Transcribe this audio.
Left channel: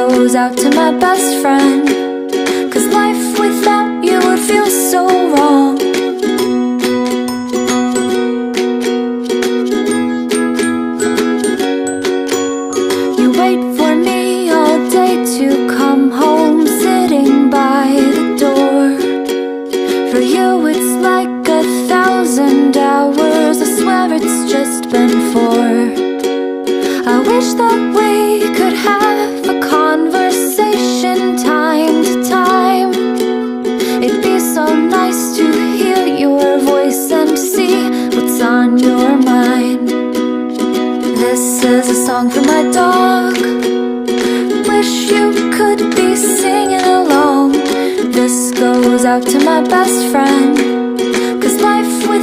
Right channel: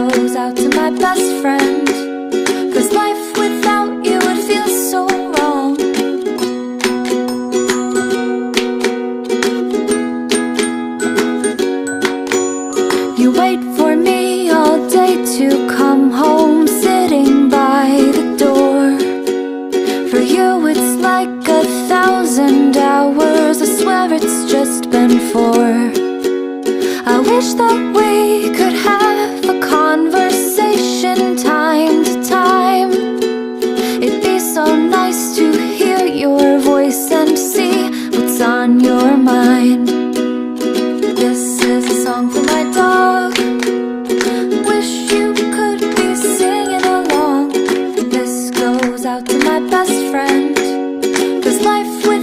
goes out to my best friend, 'cause life without you would feel so wrong. You wait for me all day to come home, sitting by the door. For you it's like 1,000 hours, I swear it's just been 4. I wish that we could have a conversation time to time. It'd be so nice to hear your voice and see what's on your mind. This is a song for my dog. Wish you could be singing along. This goes out to my best friend.